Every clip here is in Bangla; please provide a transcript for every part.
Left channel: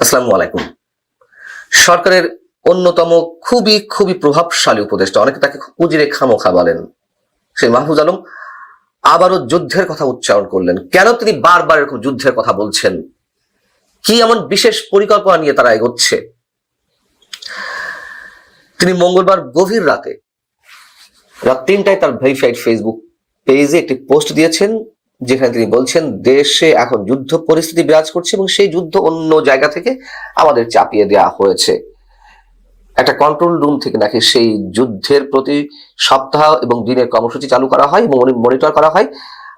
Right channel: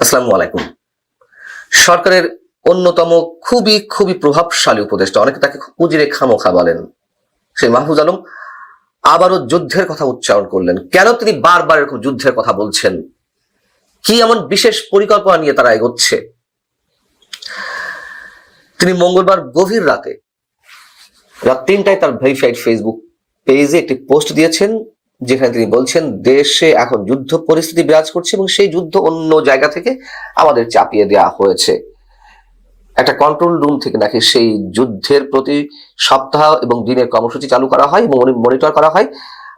আসসালামু আলাইকুম। সরকারের অন্যতম খুবই খুবই প্রভাবশালী উপদেষ্টা, অনেকে তাকে কুজিরে খামোখা বলেন, সেই মাহফুজ আলম আবারও যুদ্ধের কথা উচ্চারণ করলেন। কেন তিনি বারবার এরকম যুদ্ধের কথা বলছেন? কি এমন বিশেষ পরিকল্পনা নিয়ে তারা এগোচ্ছে? তিনি মঙ্গলবার গভীর রাতে রাত তিনটায় তার ভেরিফাইড ফেসবুক পেজে একটি পোস্ট দিয়েছেন যেখানে তিনি বলছেন, দেশে এখন যুদ্ধ পরিস্থিতি বিরাজ করছে এবং সেই যুদ্ধ অন্য জায়গা থেকে আমাদের চাপিয়ে দেওয়া হয়েছে। একটা কন্ট্রোল রুম থেকে নাকি সেই যুদ্ধের প্রতি সপ্তাহ এবং দিনের কর্মসূচি চালু করা হয় এবং মনিটর করা হয়।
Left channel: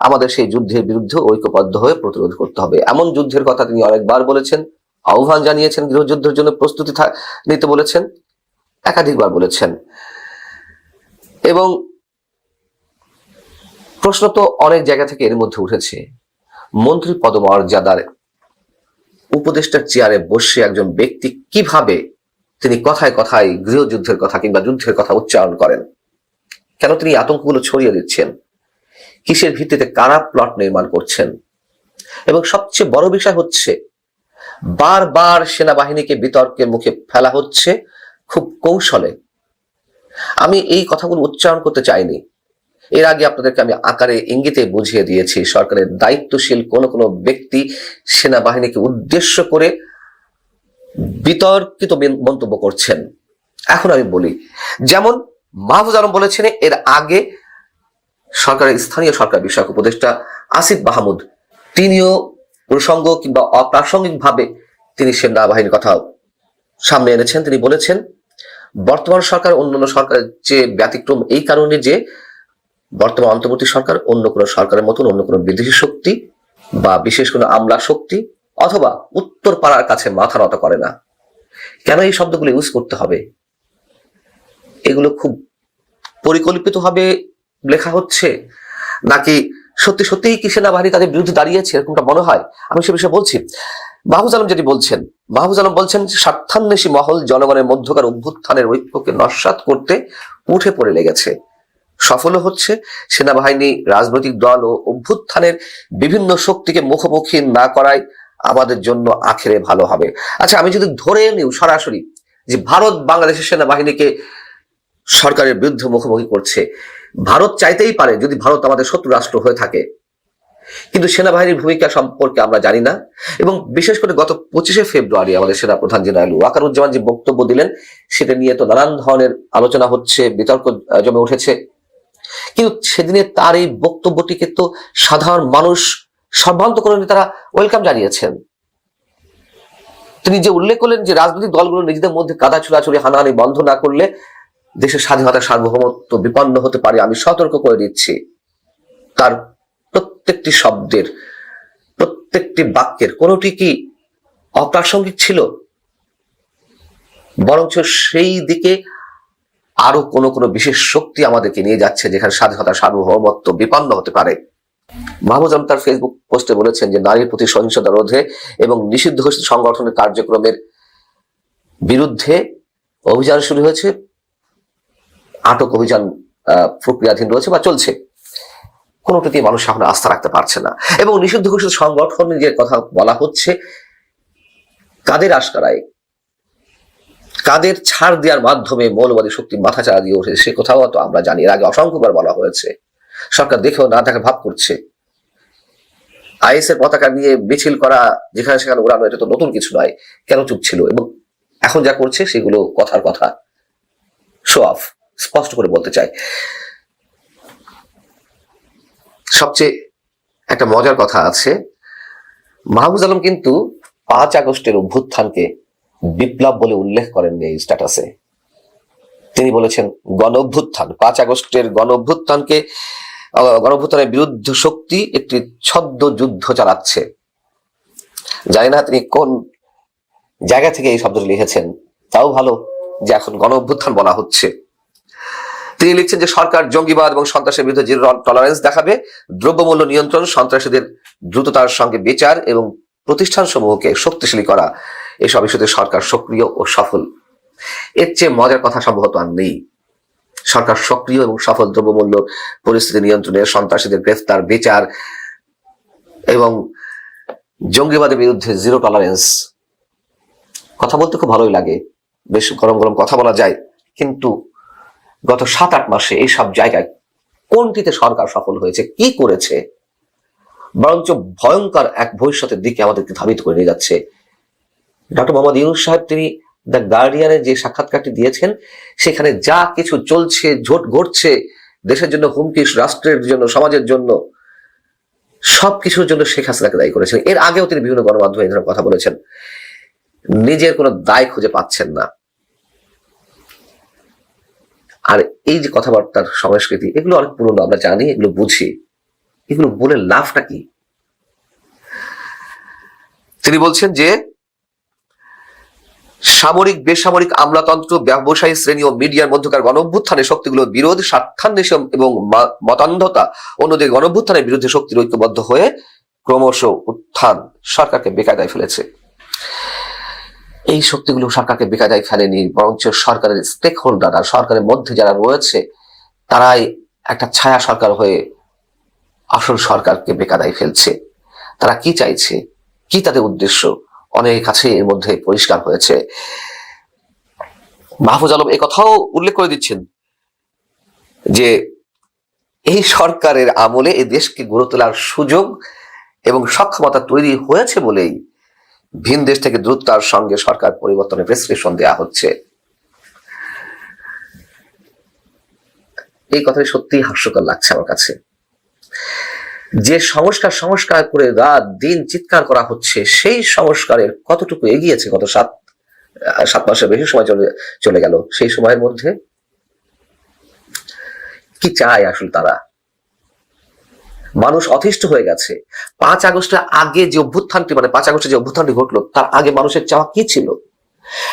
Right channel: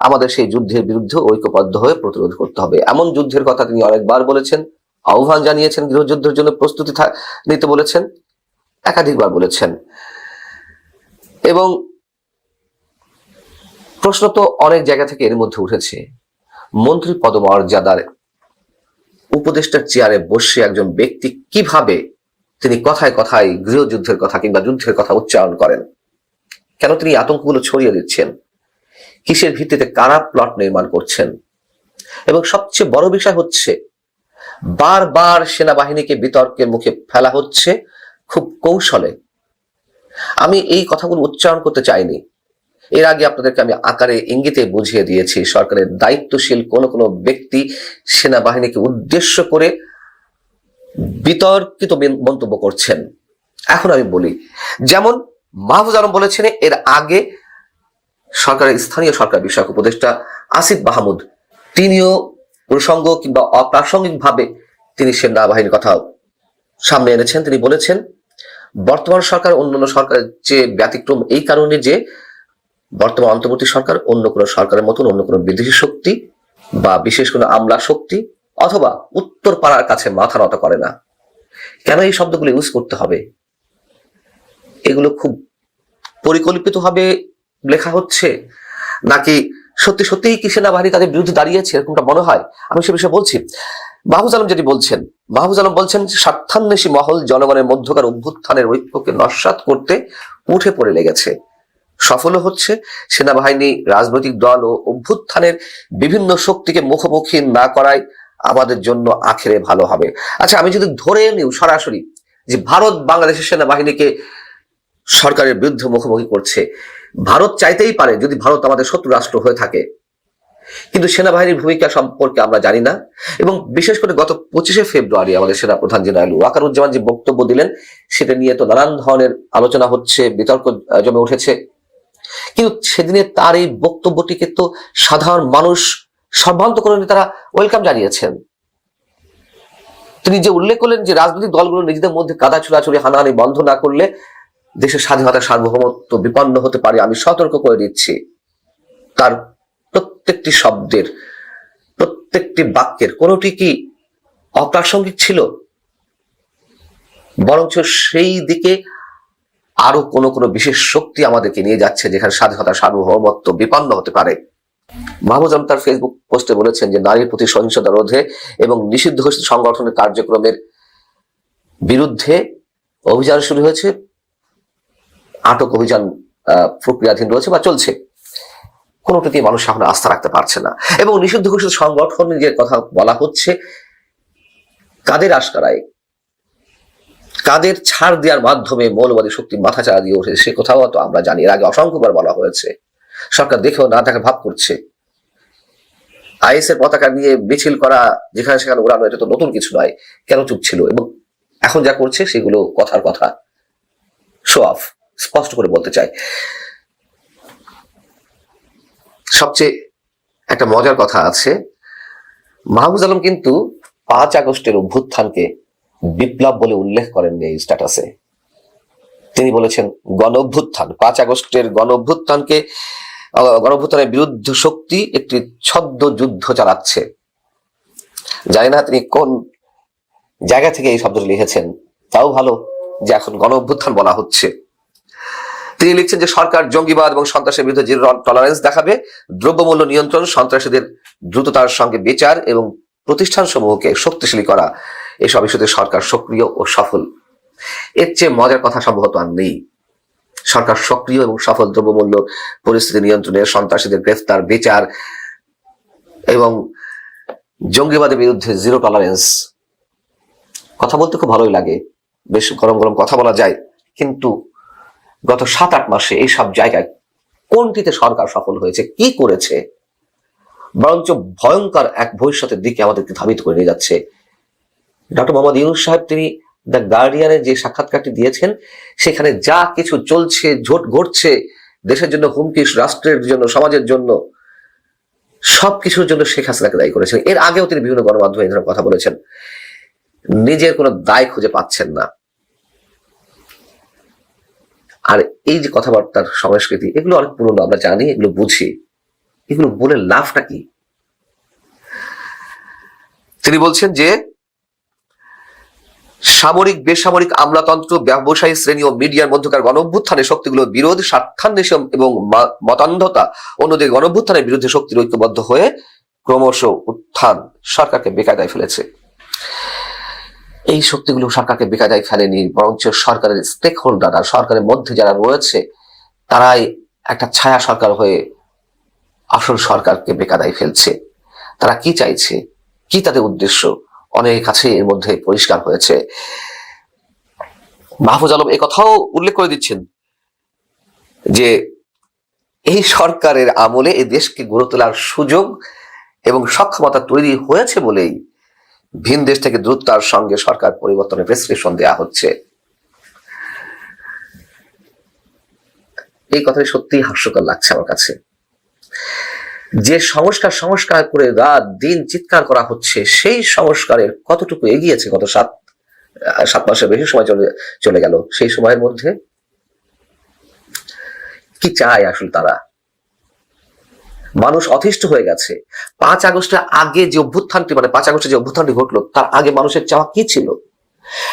আমাদের সেই যুদ্ধের বিরুদ্ধে ঐক্যবদ্ধ হয়ে প্রতিরোধ করতে হবে। এমন যুদ্ধের কথা তিনি অনেকবার বলেছেন, আহ্বান জানিয়েছেন, গৃহযুদ্ধের জন্য প্রস্তুতি নিতে বলেছেন, একাধিকবার বলেছেন। এবং প্রশ্ন তো অনেক জায়গা থেকে এর মধ্যে উঠেছে। মন্ত্রী পদমর্যাদার উপদেষ্টার চেয়ারে বসে একজন ব্যক্তি কীভাবে তিনি কথায় কথায় গৃহযুদ্ধের কথা কিংবা যুদ্ধের কথা উচ্চারণ করেন? কেন তিনি আতঙ্কগুলো ছড়িয়ে দিচ্ছেন? কিসের ভিত্তিতে কারা প্লট নির্মাণ করছেন? এবং সবচেয়ে বড় বিষয় হচ্ছে, বারবার সেনাবাহিনীকে বিতর্কের মুখে ফেলা হচ্ছে খুব কৌশলে। আমি এই কথাগুলো উচ্চারণ করতে চাইনি। এর আগে আপনাদেরকে আমি আকারে ইঙ্গিতে বুঝিয়ে দিয়েছি, সরকারের দায়িত্বশীল কোন কোন ব্যক্তি সেনাবাহিনীকে উদ্দেশ্য করে বিতর্কিত মন্তব্য করছেন। এখন আমি বলি, যেমন মাহফুজ আলম বলেছেন, এর আগে সরকারের, স্থানীয় সরকার বিষয়ক উপদেষ্টা আসিফ মাহমুদ, তিনিও প্রসঙ্গ কিংবা অপ্রাসঙ্গিক ভাবে তিনি সেনাবাহিনীর কথা সামনে এনেছেন। তিনি বলেছেন, বর্তমান সরকার, অন্যান্য সরকারের যে ব্যতিক্রম এই কারণে যে বর্তমান অন্তর্বর্তী সরকার অন্য কোনো সরকারের মতন, অন্য কোনো বিদেশি শক্তি বা বিশেষ কোনো আমলা শক্তি অথবা উত্তর পাড়ার কাছে মাথা নত করে না। কেন এই শব্দগুলো ইউজ করতে হবে? এগুলো খুব পরিকল্পিত ভাবে লেখা হচ্ছে নাকি সত্যি সত্যিই কি সেনাবাহিনী তাদের বিরুদ্ধে দাঁড়িয়েছে, এরকমটা মনে হয়? আমি সে বিষয়ে বলছি। মাহফুজ আলম যেটি বলছেন, মাহফুজ আলম বলছেন স্বার্থান্বেষী মহল জনগণের মধ্যকার অভ্যুত্থানের ঐক্যকে নস্বাত করতে উঠে পড়ে লেগেছে। সফলও হচ্ছে সেনাবাহিনী, রাজনৈতিক দল ও অভ্যুত্থানের বিভিন্ন শক্তিকে মুখোমুখি না করাই আমাদের জন্য আখেরে ভালো হবে। আচ্ছা আমি যদি ধরে নিও সরাসরি যে ভারত বাংলাদেশের সেনাবাহিনীকে সরকারের বিরুদ্ধে মুখোমুখি করছে, ভারত চাইতেই পারে যদি ভারত আমাদের শত্রু রাষ্ট্র হয়ে থাকে। কিন্তু সেনাবাহিনীর ভূমিকা সম্পর্কে আমরা জানি না এবং বিশেষ করে গত পঁচিশে ফেব্রুয়ারি আমাদের সেনা প্রধান জেনারেল ওয়াকারুজ্জামান যে বক্তব্য দিলেন, সেটা নিয়ে তো নানান ধরনের আলোচনা হচ্ছে, বিতর্ক জমে উঠেছে। কিন্তু সেদিনে তার এই বক্তব্যটিকে তো সাধারণ মানুষ সম্ভ্রান্ত করে তারা ওয়েলকাম জানিয়েছেন। তিনি যে উল্লেখ করলেন যে রাজনৈতিক দলগুলো নিজেদের মধ্যে কাদা ছোড়াছুড়ি হানাহানি বন্ধ না করলে দেশের স্বাধীনতা সার্বভৌমত্ব বিপন্ন হতে পারে, আমি সতর্ক করে দিচ্ছি। তার প্রত্যেকটি শব্দের, প্রত্যেকটি বাক্যের কোনটি কি অপ্রাসঙ্গিক ছিল? বরঞ্চ সেই দিকে আরও কোন কোন বিশেষ শক্তি আমাদেরকে নিয়ে যাচ্ছে, যেখানে স্বাধীনতা, সার্বভৌমত্ব বিপন্ন হতে পারে। মাহমুদ তার ফেসবুক পোস্টে বলেছেন যে নারীর প্রতি সহিংসতা রোধে এবং নিষিদ্ধ সংগঠনের কার্যক্রমের বিরুদ্ধে অভিযান শুরু হয়েছে। আটক অভিযান প্রক্রিয়াধীন রয়েছে বা চলছে। কোনোটাতেই মানুষ এখন আস্থা রাখতে পারছে না। এবং নিষিদ্ধ ঘোষিত সংগঠনের যে কথা বলা হচ্ছে, কাদের আশকারায়? কাদের ছাড় দেওয়ার মাধ্যমে মৌলবাদী শক্তি মাথা চাড়া দিয়ে ওঠে সে কোথাও তো আমরা জানি। এর আগে অসংখ্যবার বলা হয়েছে। সরকার দেখেও না দেখা ভাব করছে। আইএস এর পতাকা নিয়ে মিছিল করা, যেখানে সেখানে ওড়ানো এটা তো নতুন কিছু নয়। কেন চুপ ছিল? এবং এখন যা করছে, সেগুলো কথার কথা। শো অফ স্পষ্ট করে বলতে চাই। সবচেয়ে একটা মজার কথা আছে। মাহবুজ আলম কিন্তু পাঁচ আগস্টের অভ্যুত্থানকে বলে উল্লেখ করেননি স্ট্যাটাসে তিনি বলেছেন গণ অভ্যুত্থান পাঁচ আগস্টের গণ অভ্যুত্থানকে আহ, বিরুদ্ধ শক্তি একটি ছদ্ম যুদ্ধ চালাচ্ছে। জানি না তিনি কোন জায়গা থেকে এই শব্দটি লিখেছেন তাও ভালো যে এখন গণ অভ্যুত্থান বলা হচ্ছে। তিনি লিখছেন যে সরকার জঙ্গিবাদ এবং সন্ত্রাসের বিরুদ্ধে টলারেন্স দেখাবে দ্রব্যমূল্য নিয়ন্ত্রণ সন্ত্রাসীদের দ্রুততার সঙ্গে বিচার এবং প্রতিষ্ঠান সমূহকে শক্তিশালী করা। এসব ইস্যুতে সরকার সক্রিয় ও সফল। এর চেয়ে মজার কথা সম্ভবত আর নেই। সরকার সক্রিয় এবং সফল দ্রব্যমূল্য পরিস্থিতি নিয়ন্ত্রণে সন্ত্রাসীদের গ্রেফতার, বিচার এবং জঙ্গিবাদের বিরুদ্ধে জিরো টলারেন্স কথা বলতে খুব ভালোই লাগে। বেশ গরম গরম কথা বলা যায়। কিন্তু গত সাত আট মাসে এই সব জায়গায় কোনটিতে সরকার সফল হয়েছে, কি করেছে, বরঞ্চ ভয়ঙ্কর এক ভবিষ্যতের দিকে আমাদেরকে ধাবিত করে নিয়ে যাচ্ছে। ডক্টর মোহাম্মদ ইউনুস সাহেব, তিনি দ্য গার্ডিয়ানের যে সাক্ষাৎকারটি দিয়েছেন, সেখানে যা কিছু চলছে, ঝোট ঘটছে দেশের জন্য হুমকি রাষ্ট্রের জন্য, সমাজের জন্য, সবকিছুর জন্য শেখ হাসিনাকে দায়ী করেছেন। এর আগেও তিনি বিভিন্ন গণমাধ্যমে এই ধরনের কথা বলেছেন। নিজের কোনো দায় খুঁজে পাচ্ছেন না। আর এই যে কথাবার্তার সংস্কৃতি, এগুলো অনেক পুরনো আমরা জানি, এগুলো বুঝি। এগুলো বলে লাভটা কি? তিনি বলছেন যে সামরিক, বেসামরিক আমলাতন্ত্র, ব্যবসায়ী শ্রেণি ও মিডিয়ার মধ্যকার গণ অভ্যুত্থানে শক্তিগুলোর বিরোধ, স্বার্থান্বেষণ এবং মতান্ধতা অন্যদিকে গণ অভ্যুত্থানের বিরুদ্ধে শক্তির ঐক্যবদ্ধ হয়ে ক্রমশ উত্থান সরকারকে বেকায়দায় ফেলেছে। এই শক্তিগুলো সরকারকে বেকায়দায় ফেলেনি, বরঞ্চ সরকারের স্টেক হোল্ডার আর সরকারের মধ্যে যারা রয়েছে, তারাই একটা ছায়া সরকার হয়ে আসল সরকারকে বেকায়দায় ফেলছে। তারা কি চাইছে? কি তাদের উদ্দেশ্য? অনেক কাছে এর মধ্যে পরিষ্কার হয়েছে। মাহফুজ আলম, এ কথাও উল্লেখ করে দিচ্ছেন যে এই সরকারের আমলে এই দেশকে গড়ে তোলার সুযোগ এবং সক্ষমতা তৈরি হয়েছে বলেই ভিন দেশ থেকে দ্রুততার সঙ্গে সরকার পরিবর্তনের প্রেসক্রিপশন দেওয়া হচ্ছে। এই কথাই সত্যি হাস্যকর লাগছে আমার কাছে। যে সংস্কার সংস্কার করে রাত দিন চিৎকার করা হচ্ছে, সেই সংস্কারের কতটুকু এগিয়েছে গত সাত সাত মাসের বেশি সময় চলে চলে গেল? সেই সময়ের মধ্যে কি চায় আসলে তারা? মানুষ অতিষ্ঠ হয়ে গেছে। পাঁচ আগস্টের আগে যে অভ্যুত্থানটি মানে পাঁচ আগস্টে যে অভ্যুত্থানটি ঘটলো তার আগে মানুষের চাওয়া কি ছিল?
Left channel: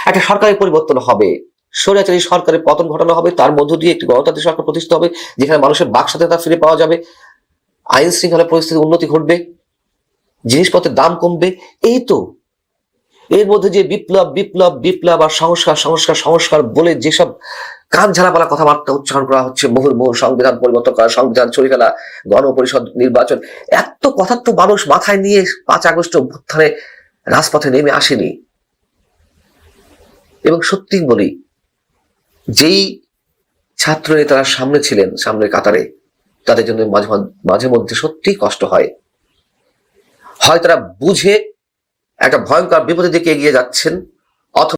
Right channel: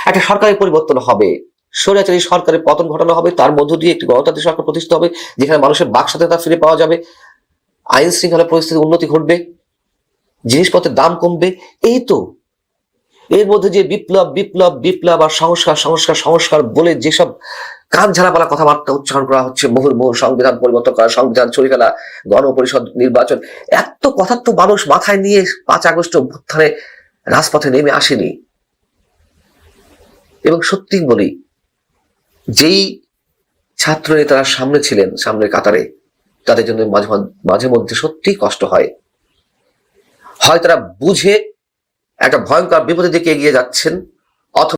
একটা সরকারের পরিবর্তন হবে। স্বৈরাচারী সরকারের পতন ঘটানো হবে, তার মধ্য দিয়ে একটি গণতান্ত্রিক সরকার প্রতিষ্ঠা হবে, যেখানে মানুষের বাক স্বাধীনতা ফিরে পাওয়া যাবে। আইন শৃঙ্খলা পরিস্থিতির উন্নতি ঘটবে, জিনিসপত্রের দাম কমবে, এই তো। এর মধ্যে যে বিপ্লব বিপ্লব বিপ্লব আর সংস্কার সংস্কার সংস্কার বলে যেসব কান বলা কথাবার্তা উচ্চারণ করা হচ্ছে মুহুর্মুহ সংবিধান পরিবর্তন করা, সংবিধান চুরি ফেলা, গণপরিষদ নির্বাচন, এত কথা তো মানুষ মাথায় নিয়ে পাঁচ আগস্ট অভ্যুত্থানে রাজপথে নেমে আসেনি। এবং সত্যি বলি, যেই ছাত্র নেতারা সামনে ছিলেন, সামনে কাতারে তাদের জন্য মাঝে মাঝে- মধ্যে সত্যি কষ্ট হয়। হয় তারা বুঝে একটা ভয়ঙ্কর বিপদের দিকে এগিয়ে যাচ্ছেন।